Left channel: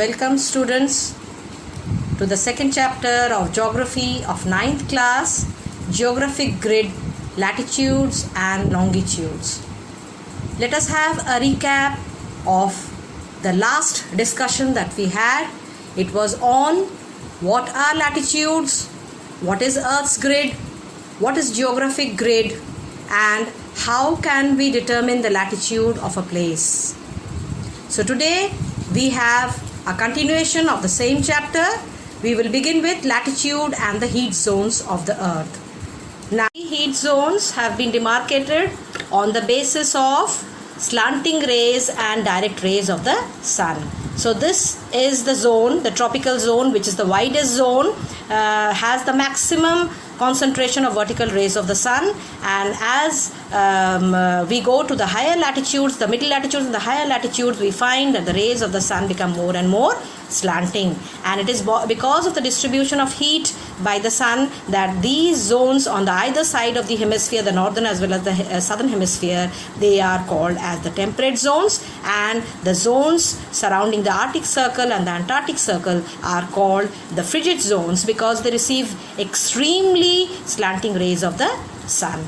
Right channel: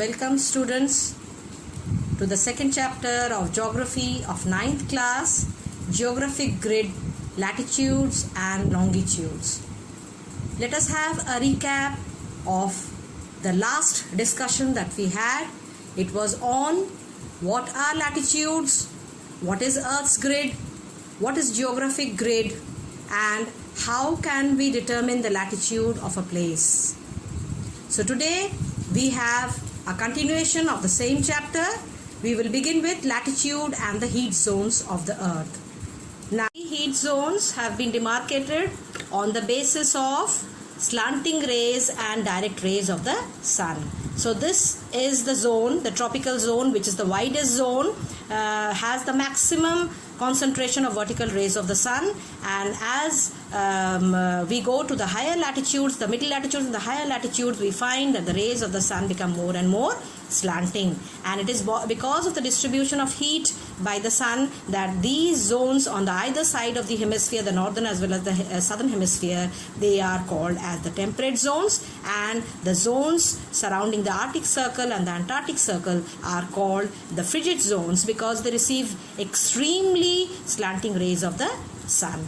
Welcome students to the second chapter of Geography of 9th class, Geographic Grid, Latitudes and Longitudes. Let us have a recap of the last discussion that we had. It was on what are latitudes, what is Earth's grid, what is geographic grid, and how can we determine the latitude of a place. So today we have a continuation of the same chapter. We will begin with latitude and the heat zones of the earth. Now, heat zones have been demarcated on the basis of slanting rays and direct rays of the sun. So this is the zone, the tropical zone, which is the widest zone, has the maximum concentration of vertical rays of the sun, and as we go to the higher latitudes, the middle latitudes and the higher latitudes, we find that the rays of the sun become more and more slanting, and it is because of the distribution of heat by the sun that these zones on the either side of the hemisphere, the northern as well as the southern hemisphere, they are called as the temperate zones, and the zones surrounding the Arctic Circle and the Antarctic Circle are called the frigid zones because they receive extremely slanting rays of the sun.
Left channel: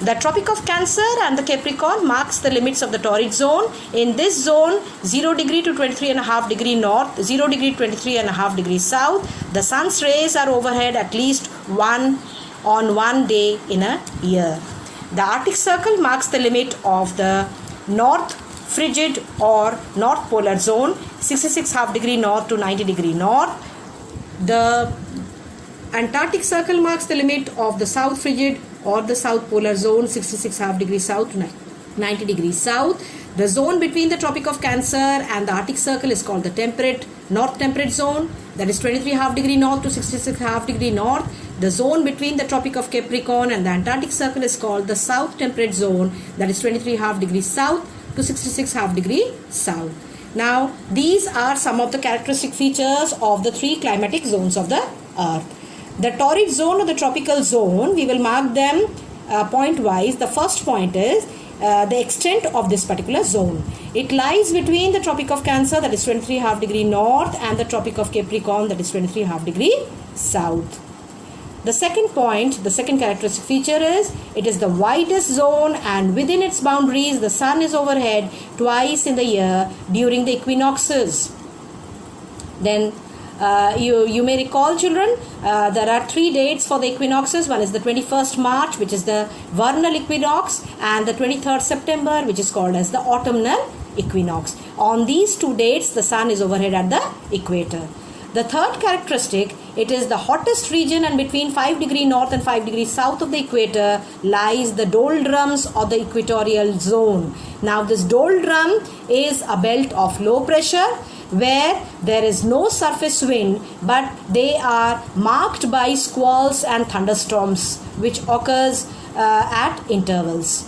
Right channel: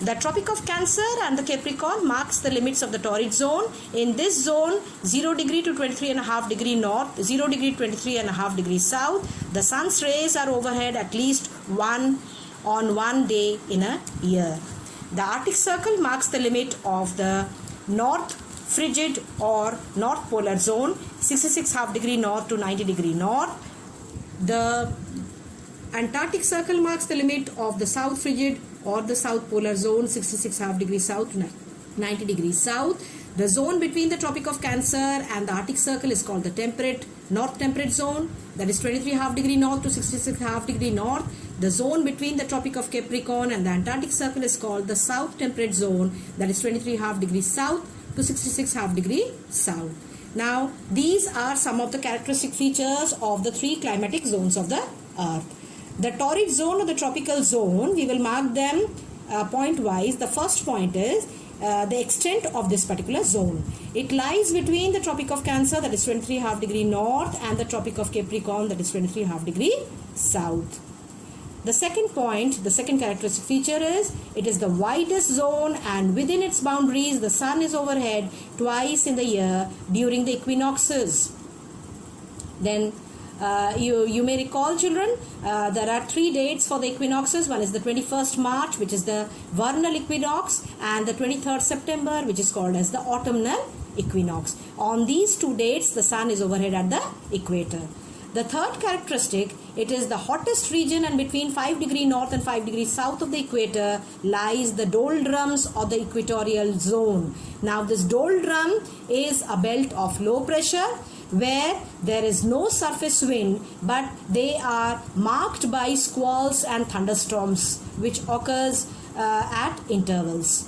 The Tropic of Cancer and the Capricorn marks the limits of the torrid zone. In this zone, 0 degree to 23.5 degree north, 0 degree to 23.5 degrees south, the sun's rays are overhead at least one day in a year. The Arctic Circle marks the limit of the north frigid or north polar zone, 66.5 degree north to 90 degree north. The Antarctic Circle marks the limit of the south frigid or the south polar zone, 66.5 degrees south to 90 degrees south. The zone between the Tropic of Cancer and the Arctic Circle is called the temperate, north temperate zone, that is 23.5 degree north to 66.5 degree north. The zone between the Tropic of Capricorn and the Antarctic Circle is called the south temperate zone, that is 23.5 degrees south to 66.5 degree south. Now, these are some of the characteristic features of the three climatic zones of the earth. The torrid zone or the tropical zone, we will mark them point wise. The first point is the extent of this particular zone. It lies between the Tropic of Cancer, that is 23.5 degree north, and the Tropic of Capricorn, that is 23.5 degree south. The second point, the second characteristic feature is it is the widest zone, and within its boundaries the sun is overhead twice in the year during the equinoxes. Then you may recall, children, there are 3 dates for the equinoxes. One is the 21st March, which is the vernal equinox, and the 23rd September, which is called as the autumnal equinox. On these 2 dates, the sun is overhead at the equator. The third characteristic, it is the hottest region, and between 5 degree north and 5 degrees south of the equator lies the doldrums or the equatorial zone. Now, this doldrum is a belt of low pressure where there is no surface wind, but they are marked by squalls and thunderstorms which occurs at intervals.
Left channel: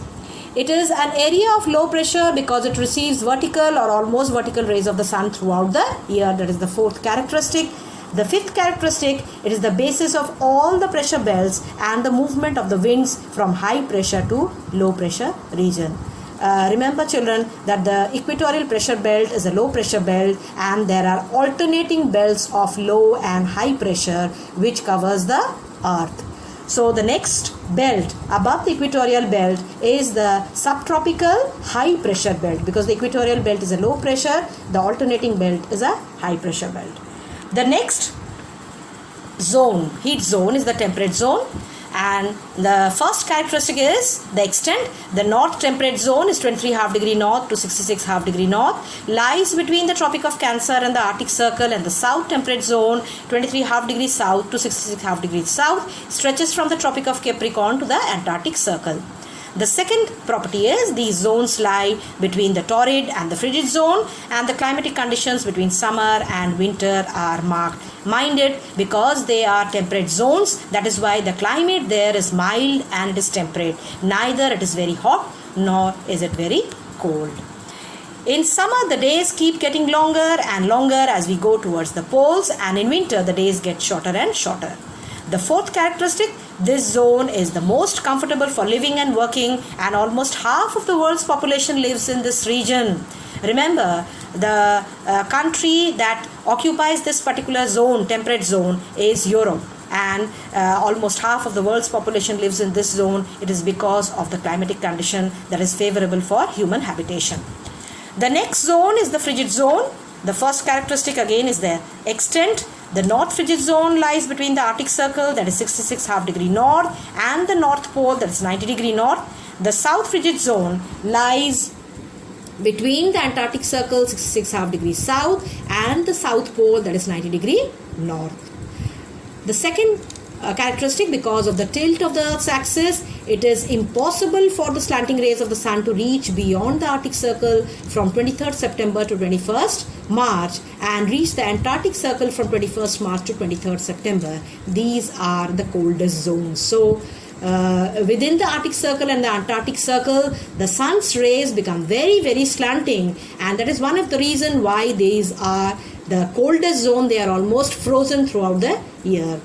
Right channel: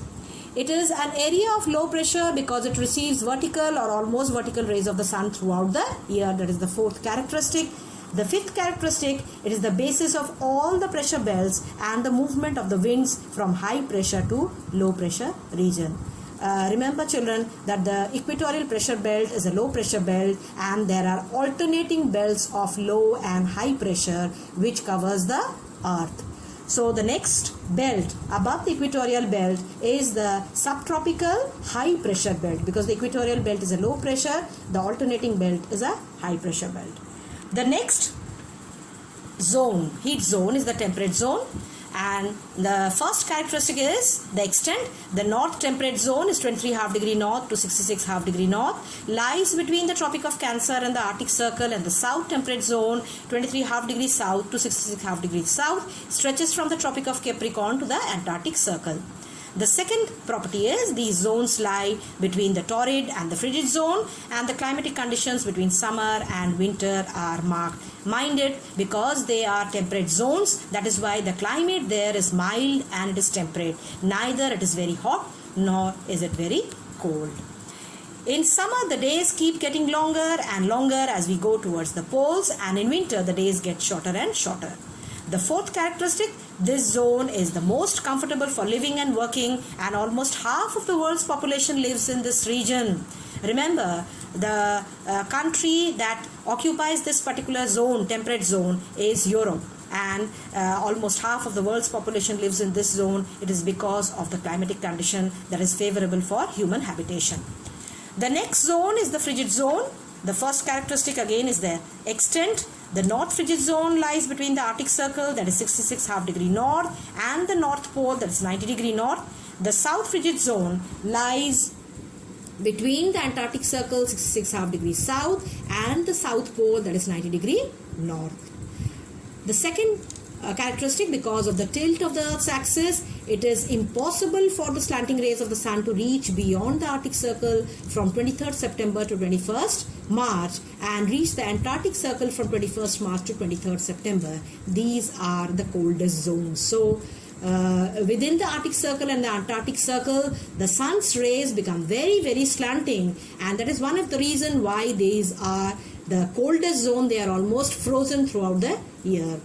It is an area of low pressure because it receives vertical or almost vertical rays of the sun throughout the year. That is the fourth characteristic. The fifth characteristic, it is the basis of all the pressure belts and the movement of the winds from high pressure to low pressure region. Remember, children, that the equatorial pressure belt is a low pressure belt, and there are alternating belts of low and high pressure which covers the earth. So the next belt above the equatorial belt is the subtropical high pressure belt, because the equatorial belt is a low pressure, the alternating belt is a high pressure belt. The next zone, heat zone, is the temperate zone. And the first characteristic is the extent. The north temperate zone is 23.5 degree north to 66.5 degree north, lies between the Tropic of Cancer and the Arctic Circle, and the south temperate zone, 23.5 degrees south to 66.5 degrees south, stretches from the Tropic of Capricorn to the Antarctic Circle. The second property is these zones lie between the torrid and the frigid zone, and the climatic conditions between summer and winter are marked. Mind it, because they are temperate zones, that is why the climate there is mild and it is temperate. Neither it is very hot nor is it very cold. In summer, the days keep getting longer and longer as we go towards the poles, and in winter the days get shorter and shorter. The fourth characteristic, this zone is the most comfortable for living and working, and almost half of the world's population lives in this region. Remember, the country that occupies this particular zone, temperate zone, is Europe, and almost half of the world's population lives in this zone. It is because of the climatic condition that is favorable for human habitation. The next zone is the frigid zone. The first characteristic again is the extent. The North Frigid Zone lies between the Arctic Circle, that is 66.5 degree north, and the North Pole, that is 90 degree north. The South Frigid Zone lies between the Antarctic Circle, 66.5 degrees south, and the South Pole, that is 90 degree north. The second characteristic, because of the tilt of the Earth's axis, it is impossible for the slanting rays of the sun to reach beyond the Arctic Circle from 23rd September to 21st March and reach the Antarctic Circle from 21st March to 23rd September. These are the coldest zones. So within the Arctic Circle and the Antarctic Circle, the sun's rays become very, very slanting, and that is one of the reasons why these are the coldest zone. They are almost frozen throughout the year.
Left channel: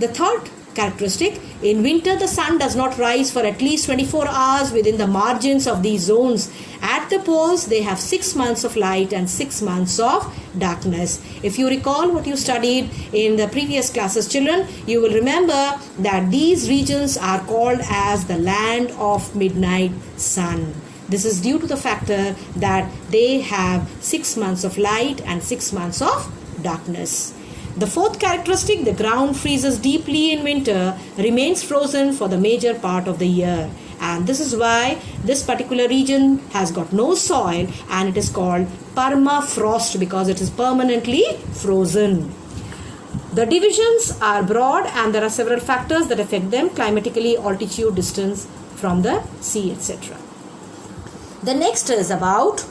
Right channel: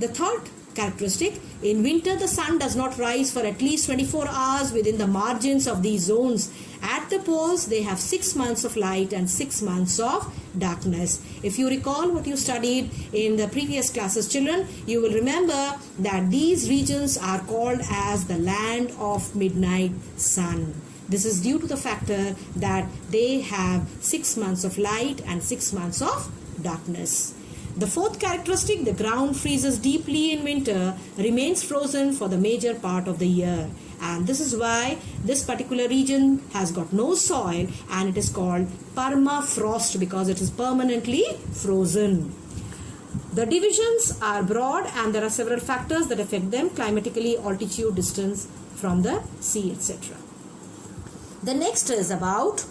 The third characteristic, in winter the sun does not rise for at least 24 hours within the margins of these zones. At the poles, they have 6 months of light and 6 months of darkness. If you recall what you studied in the previous classes, children, you will remember that these regions are called as the land of midnight sun. This is due to the factor that they have 6 months of light and 6 months of darkness. The fourth characteristic, the ground freezes deeply in winter, remains frozen for the major part of the year. And this is why this particular region has got no soil, and it is called permafrost because it is permanently frozen. The divisions are broad, and there are several factors that affect them: climatically, altitude, distance from the sea, etc. The next is about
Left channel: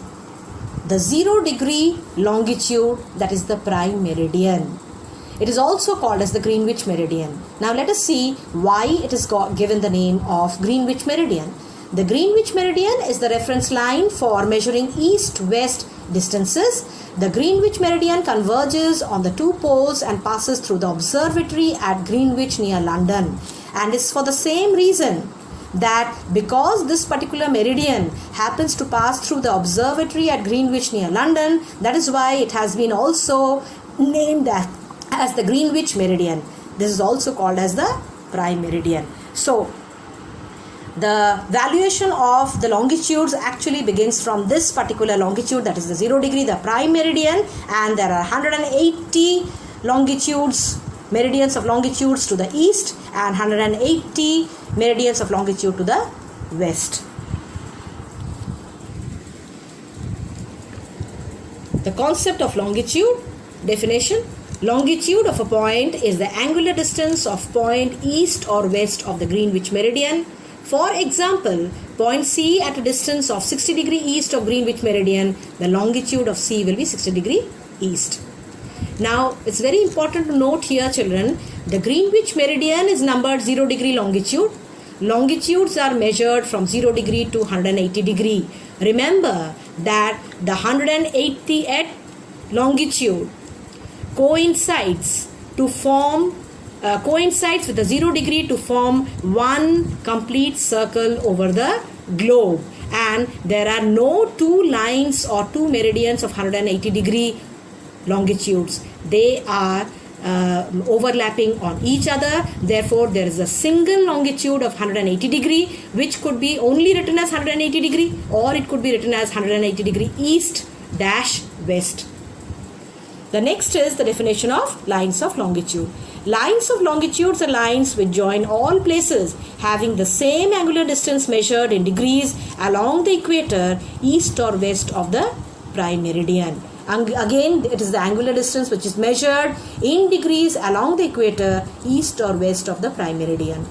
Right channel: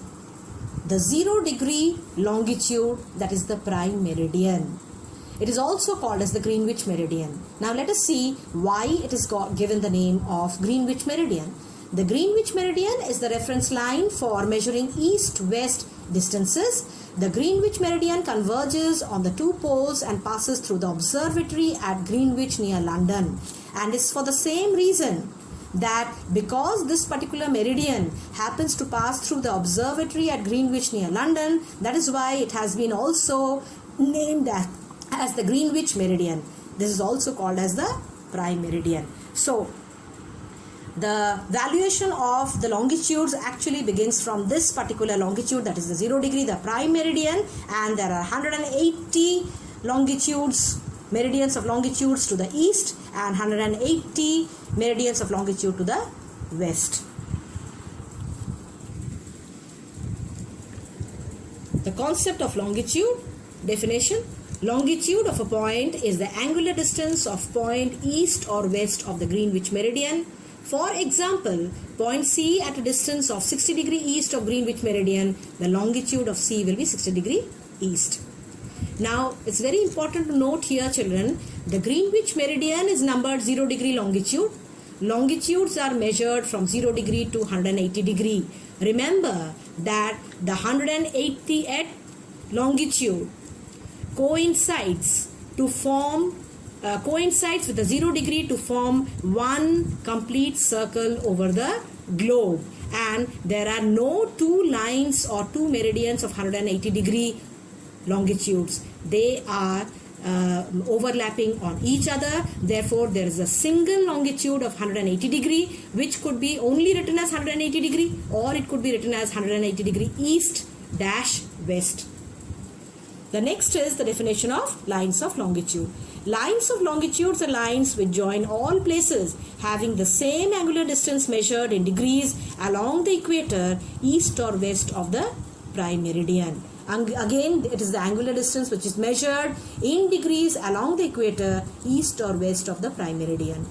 the 0 degree longitude, that is the prime meridian. It is also called as the Greenwich Meridian. Now let us see why it is given the name of Greenwich Meridian. The Greenwich Meridian is the reference line for measuring east-west distances. The Greenwich Meridian converges on the two poles and passes through the observatory at Greenwich near London. And it's for the same reason that because this particular meridian happens to pass through the observatory at Greenwich near London, that is why it has been also named as the Greenwich Meridian. This is also called as the prime meridian. So the valuation of the longitudes actually begins from this particular longitude, that is the 0 degree, the prime meridian, and there are 180 longitudes, meridians of longitudes to the east, and 180 meridians of longitude to the west. The concept of longitude, definition: longitude of a point is the angular distance of point east or west of the Greenwich Meridian. For example, point C at a distance of 60 degree east of Greenwich Meridian, the longitude of C will be 60 degree east. Now, it's very important to note here, children, the Greenwich Meridian is numbered 0 degree longitude. Longitudes are measured from 0 degree to 180 degree. Remember that the 180th longitude coincides with the 0 degree to form one complete circle over the globe, and there are no two lines or two meridians of 180 degree longitudes. They are overlapping on each other. Therefore, there is a single longitude of 180 degree, which could be only written as 180 degree, or it could be written as 180 degree east dash west. The next is the definition of lines of longitude. Lines of longitudes are lines which join all places having the same angular distance measured in degrees along the equator, east or west of the prime meridian. Again, it is the angular distance which is measured in degrees along the equator, east or west of the prime meridian.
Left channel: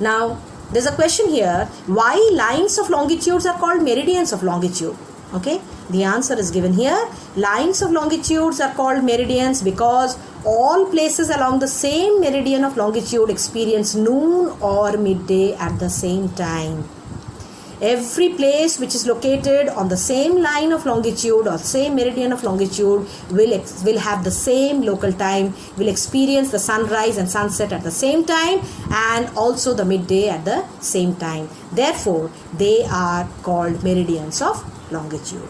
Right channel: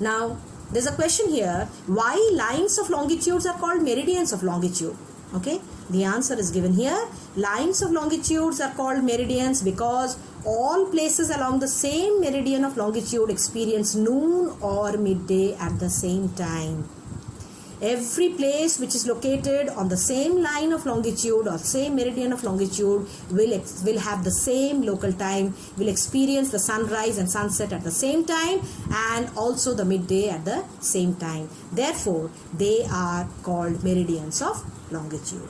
Now, there's a question here: why lines of longitudes are called meridians of longitude? Okay, the answer is given here. Lines of longitudes are called meridians because all places along the same meridian of longitude experience noon or midday at the same time. Every place which is located on the same line of longitude or same meridian of longitude will have the same local time, will experience the sunrise and sunset at the same time and also the midday at the same time. Therefore, they are called meridians of longitude.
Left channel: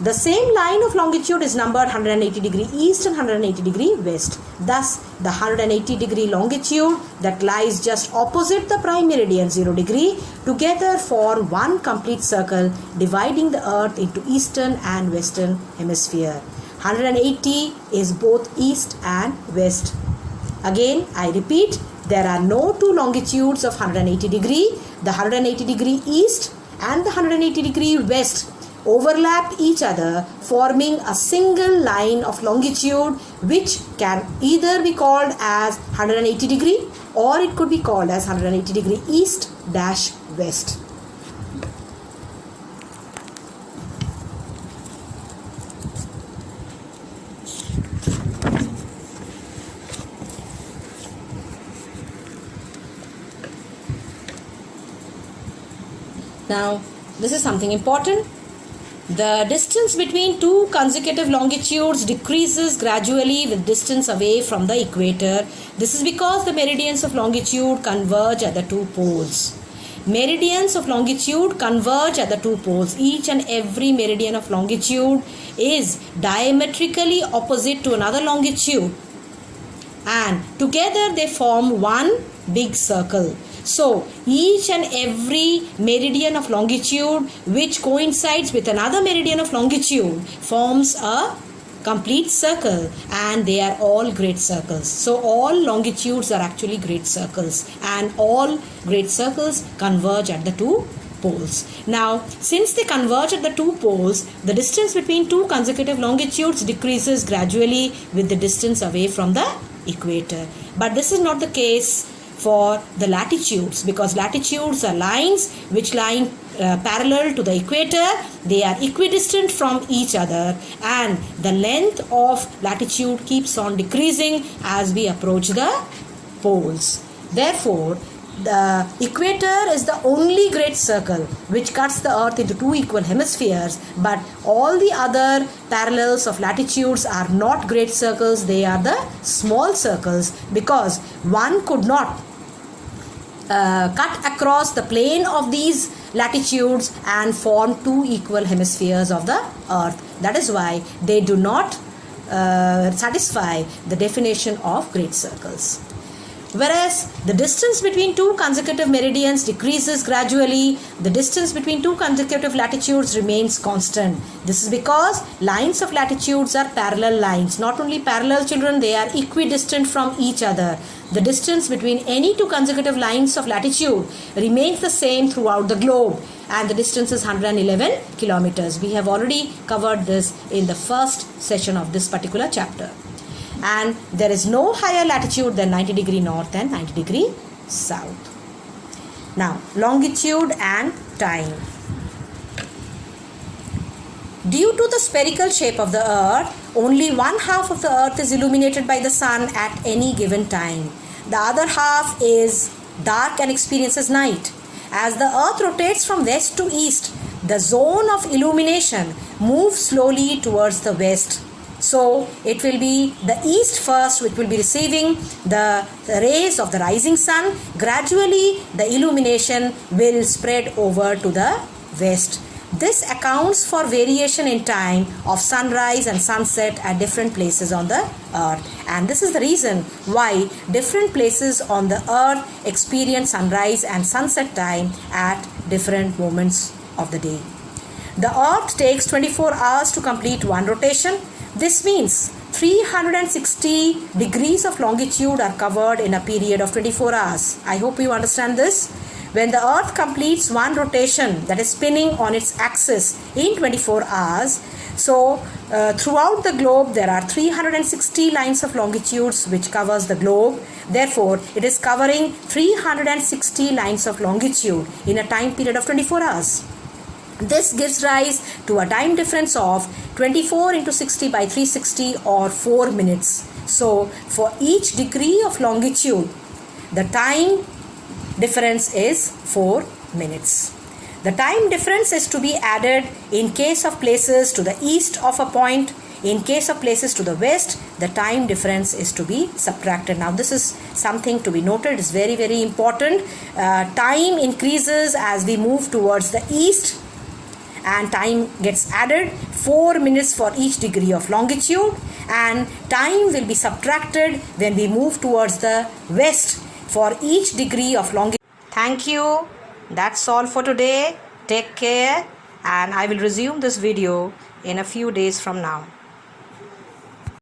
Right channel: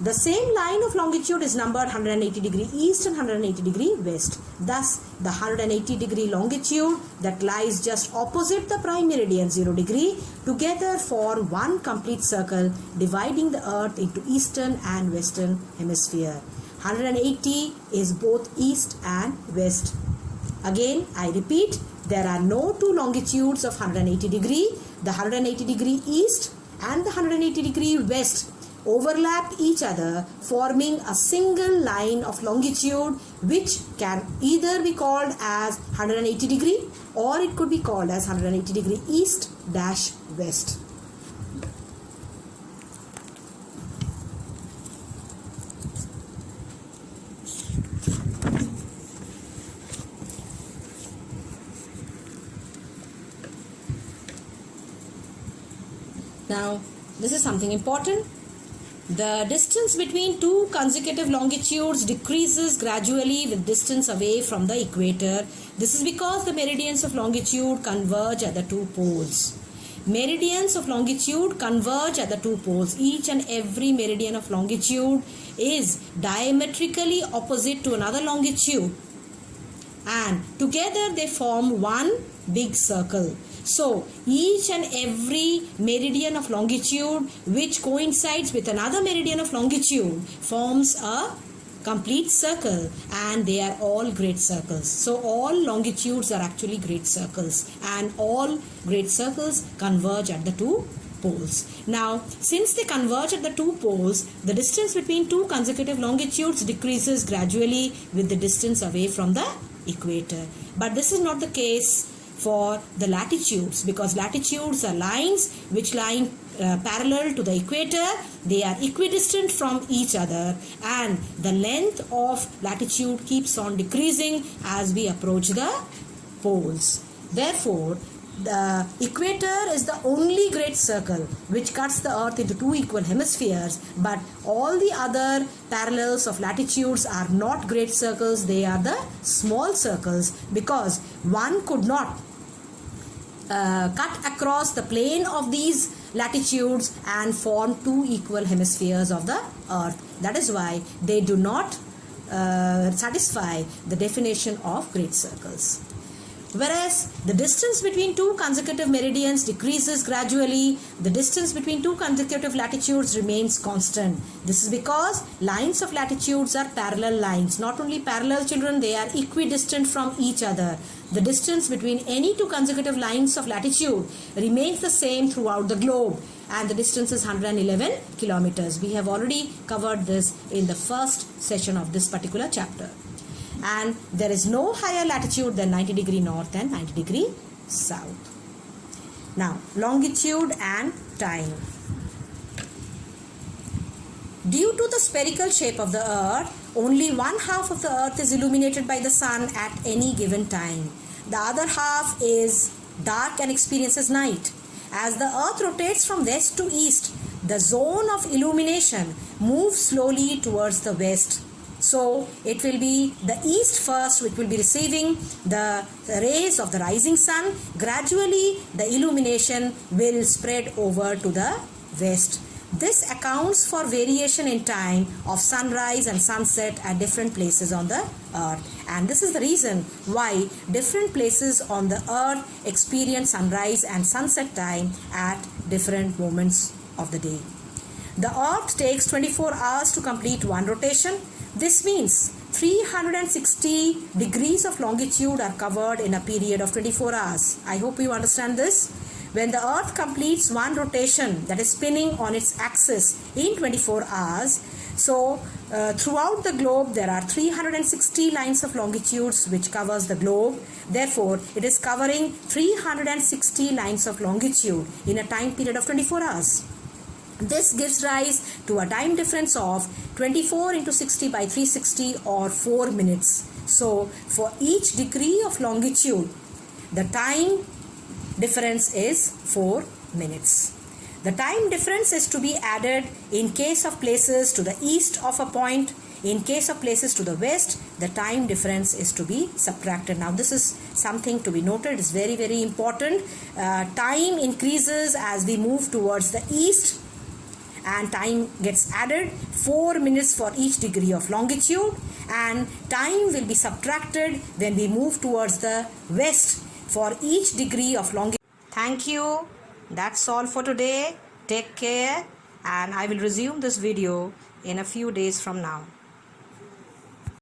The same line of longitude is numbered 180 degree east and 180 degree west. Thus, the 180 degree longitude that lies just opposite the prime meridian 0 degree together form one complete circle dividing the earth into eastern and western hemisphere. 180 is both east and west. Again, I repeat, there are no two longitudes of 180 degree. The 180 degree east and the 180 degree west overlap each other, forming a single line of longitude which can either be called as 180 degree or it could be called as 180 degree east dash west. Now, this is something important. The distance between two consecutive longitudes decreases gradually with distance away from the equator. This is because the meridians of longitude converge at the two poles. Meridians of longitude converge at the two poles. Each and every meridian of longitude is diametrically opposite to another longitude, and together they form one big circle. So, each and every meridian of longitude which coincides with another meridian of longitude forms a complete circle, and they are all great circles. So, all longitudes are actually great circles, and all great circles converge at the two poles. Now, since they converge at the two poles, the distance between two consecutive longitudes decreases gradually with the distance away from the equator. But this is not the case for the latitudes, because latitudes are lines which lie parallel to the equator. They are equidistant from each other, and the length of latitude keeps on decreasing as we approach the poles. Therefore, the equator is the only great circle which cuts the earth into two equal hemispheres, but all the other parallels of latitudes are not great circles. They are the small circles, because one could not cut across the plane of these latitudes and form two equal hemispheres of the earth. That is why they do not satisfy the definition of great circles. Whereas the distance between two consecutive meridians decreases gradually, the distance between two consecutive latitudes remains constant. This is because lines of latitudes are parallel lines. Not only parallel, children, they are equidistant from each other. The distance between any two consecutive lines of latitude remains the same throughout the globe, and the distance is 111 kilometers. We have already covered this in the first session of this particular chapter. And there is no higher latitude than 90 degree north and 90 degree south. Now, longitude and time. Due to the spherical shape of the earth, only one half of the earth is illuminated by the sun at any given time. The other half is dark and experiences night. As the earth rotates from west to east, the zone of illumination moves slowly towards the west. So, it will be the east first which will be receiving the rays of the rising sun. Gradually, the illumination will spread over to the west. This accounts for variation in time of sunrise and sunset at different places on the earth. And this is the reason why different places on the earth experience sunrise and sunset time at different moments of the day. The earth takes 24 hours to complete one rotation. This means 360 degrees of longitude are covered in a period of 24 hours. I hope you understand this. When the earth completes one rotation, that is spinning on its axis in 24 hours, so throughout the globe there are 360 lines of longitudes which covers the globe. Therefore, it is covering 360 lines of longitude in a time period of 24 hours. This gives rise to a time difference of 24 into 60 by 360 or 4 minutes. So, for each degree of longitude, the time difference is 4 minutes. The time difference is to be added in case of places to the east of a point. In case of places to the west, the time difference is to be subtracted. Now this is something to be noted. It's very, very important. Time increases as we move towards the east, and time gets added 4 minutes for each degree of longitude, and time will be subtracted when we move towards the west for each degree of longitude. Thank you. That's all for today. Take care, and I will resume this video in a few days from now.